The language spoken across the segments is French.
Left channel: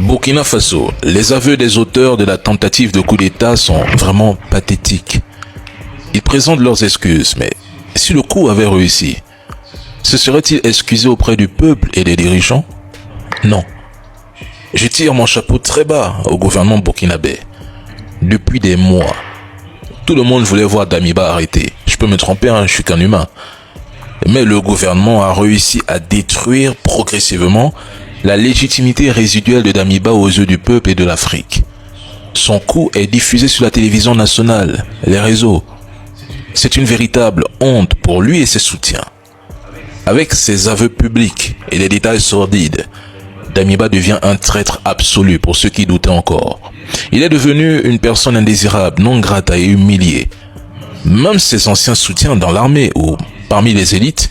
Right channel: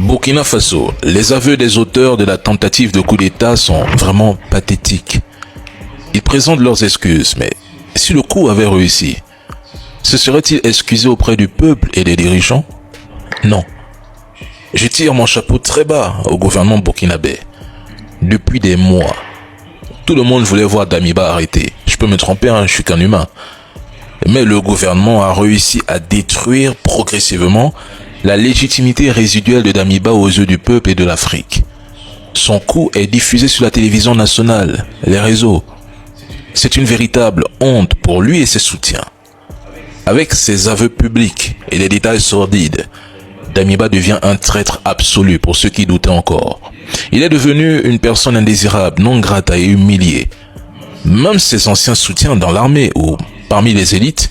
Burkina Faso, les aveux des auteurs de la tentative de coup d'État sont vraiment pathétiques. Ils présentent leurs excuses, mais si le coup avait réussi, se serait-il excusé auprès du peuple et des dirigeants? Non. Je tire mon chapeau très bas au gouvernement burkinabé. Depuis des mois, tout le monde voulait voir Damiba arrêté. Je peux me tromper, je suis qu'un humain. Mais le gouvernement a réussi à détruire progressivement la légitimité résiduelle de Damiba aux yeux du peuple et de l'Afrique. Son coup est diffusé sur la télévision nationale, les réseaux. C'est une véritable honte pour lui et ses soutiens. Avec ses aveux publics et les détails sordides, Damiba devient un traître absolu pour ceux qui doutaient encore. Il est devenu une personne indésirable, non grata et humiliée. Même ses anciens soutiens dans l'armée ou parmi les élites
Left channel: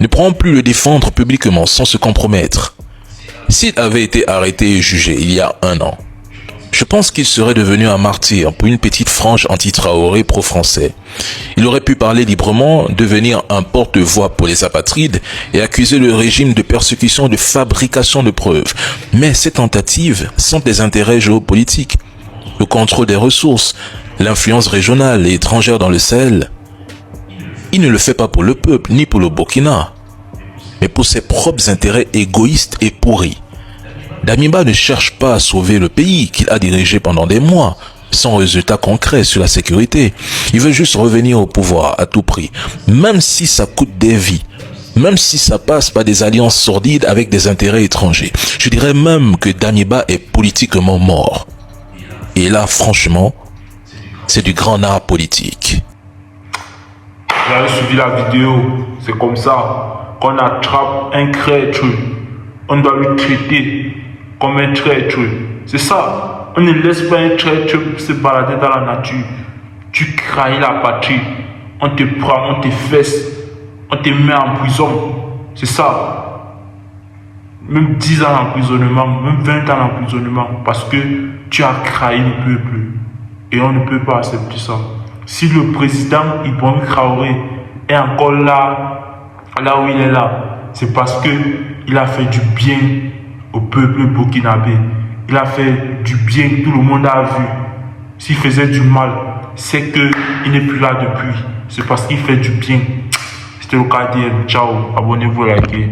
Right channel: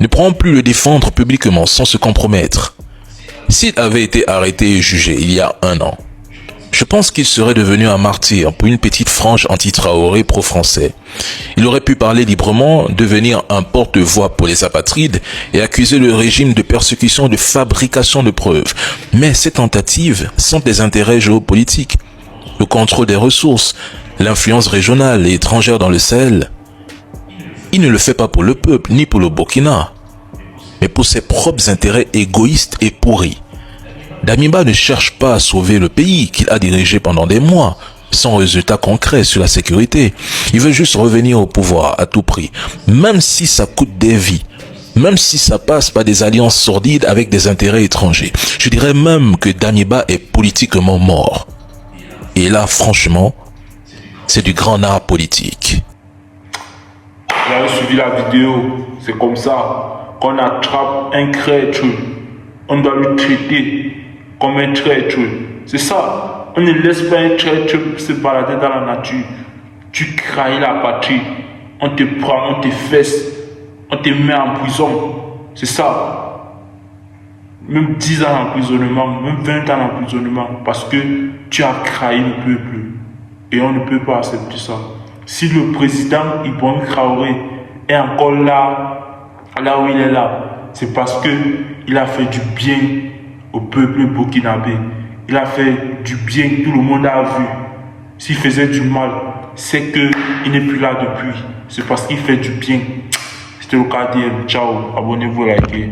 ne pourront plus le défendre publiquement sans se compromettre. S'il avait été arrêté et jugé il y a 1 an, je pense qu'il serait devenu un martyr pour une petite frange anti-Traoré pro-français. Il aurait pu parler librement, devenir un porte-voix pour les apatrides et accuser le régime de persécution de fabrication de preuves. Mais ces tentatives sont des intérêts géopolitiques, le contrôle des ressources, l'influence régionale et étrangère dans le Sahel. Il ne le fait pas pour le peuple ni pour le Burkina, mais pour ses propres intérêts égoïstes et pourris. Damiba ne cherche pas à sauver le pays qu'il a dirigé pendant des mois, sans résultat concret sur la sécurité. Il veut juste revenir au pouvoir à tout prix, même si ça coûte des vies, même si ça passe par des alliances sordides avec des intérêts étrangers. Je dirais même que Damiba est politiquement mort. Et là, franchement, c'est du grand art politique. Vous avez suivi la vidéo, c'est comme ça qu'on attrape un traître. On doit le traiter comme un traître. C'est ça. On ne laisse pas un traître se balader dans la nature. Tu trahis la patrie. On te prend, on te fesse. On te met en prison. C'est ça. Même 10 ans d'emprisonnement, même 20 ans d'emprisonnement. Parce que tu as trahi le peuple. Et on ne peut pas accepter ça. Si le président Ibrahim Traoré est encore là où il est là, c'est parce qu'il a fait du bien au peuple burkinabé. Il a fait du bien, tout le monde a vu. S'il faisait du mal, c'est qu'il n'est plus là depuis. C'est parce qu'il fait du bien. C'était le KDM. Ciao, abonnez-vous, likez.